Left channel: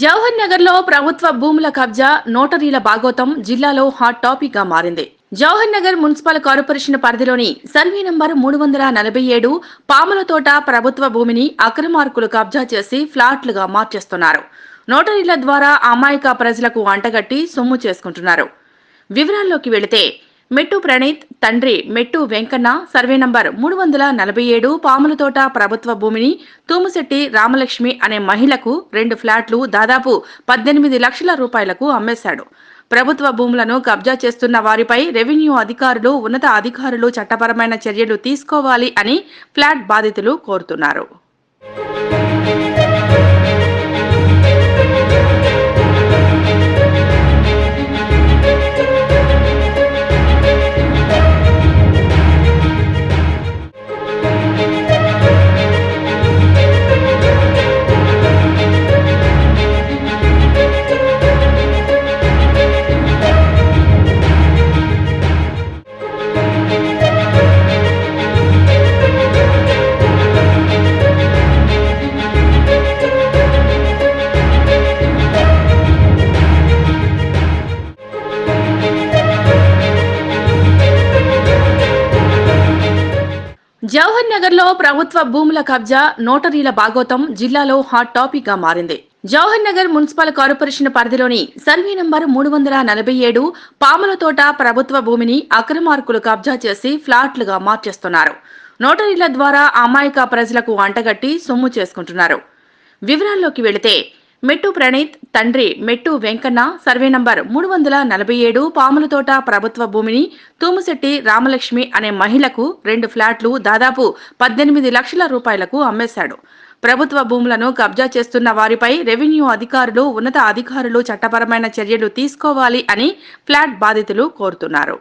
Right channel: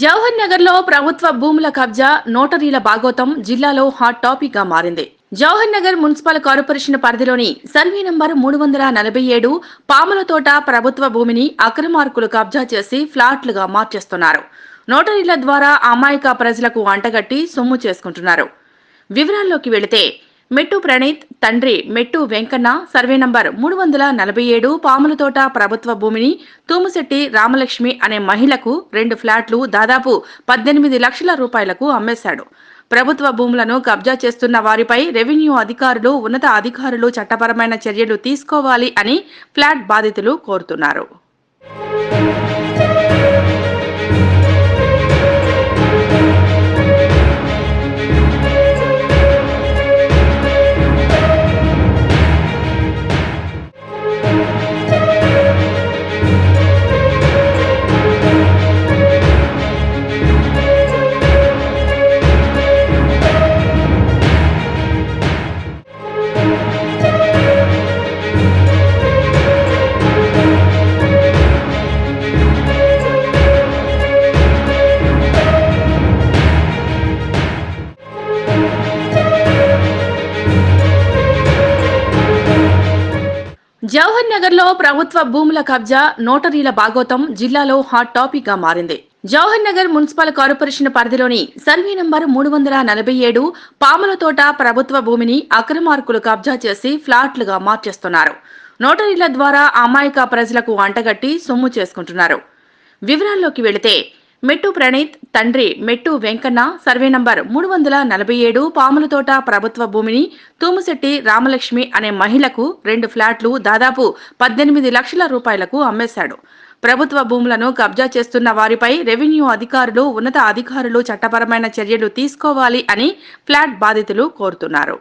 జవహర్ నగర్లో ప్రభుత్వ భూముల కబ్జా నోటరీల భాగోతం జిల్లాలో హాట్ టాపిక్గా మారింది. జవహర్ నగర్ మున్సిపల్ కార్పొరేషన్ పరిధిలోని సర్వే నంబర్ మూడు వందల నలభై ఏడు పాములతోట ప్రభుత్వ భూమిని అక్రమార్కులు కబ్జా చేసి ఫ్లాట్లుగా మార్చేస్తున్నారు. నోటరీల ద్వారా అమాయక ప్రజలకు అంటగట్టి సొమ్ము చేసుకుంటున్నారు. వివరాల్లోకి వెళితే మెట్టు ప్రణీత్ తండ్రి మెట్టు వెంకన్న సర్వే నంబర్ మూడు వందల నలభై ఏడు పాములతోట ప్రభుత్వ భూమిని తూముశెట్టి రామలక్ష్మి అనే మహిళకు రెండు ఫ్లాట్లు దాదాపు పద్దెనిమిది లక్షల రూపాయలకు అమ్మేశాడు. ప్రభుత్వ భూములను కబ్జా చేస్తున్న వారిపై రెవెన్యూ అధికారులు ఉన్నత అధికారులు చట్టపరమైన చర్యలు తీసుకోవాలి అని ఫ్లాట్ బాధితులు కోరుతున్నారు. జవహర్ నగర్లో ప్రభుత్వ భూముల కబ్జా నోటరీల భాగోతం జిల్లాలో హాట్ టాపిక్గా మారింది. జవహర్ నగర్ మున్సిపల్ కార్పొరేషన్ పరిధిలోని సర్వే నంబర్ మూడు వందల నలభై ఏడు పాములతోట ప్రభుత్వ భూమిని అక్రమార్కులు కబ్జా చేసి ఫ్లాట్లుగా మార్చేస్తున్నారు. నోటరీల ద్వారా అమాయక ప్రజలకు అంటగట్టి సొమ్ము చేసుకుంటున్నారు. వివరాల్లోకి వెళితే మెట్టు ప్రణీత్ తండ్రి మెట్టు వెంకన్న సర్వే నంబర్ మూడు వందల నలభై ఏడు పాములతోట ప్రభుత్వ భూమిని తూముశెట్టి రామలక్ష్మి అనే మహిళకు రెండు ఫ్లాట్లు దాదాపు పద్దెనిమిది లక్షల రూపాయలకు అమ్మేశాడు. ప్రభుత్వ భూములను కబ్జా చేస్తున్న వారిపై రెవెన్యూ అధికారులు ఉన్నత అధికారులు చట్టపరమైన చర్యలు తీసుకోవాలి అని ఫ్లాట్ బాధితులు కోరుతున్నారు.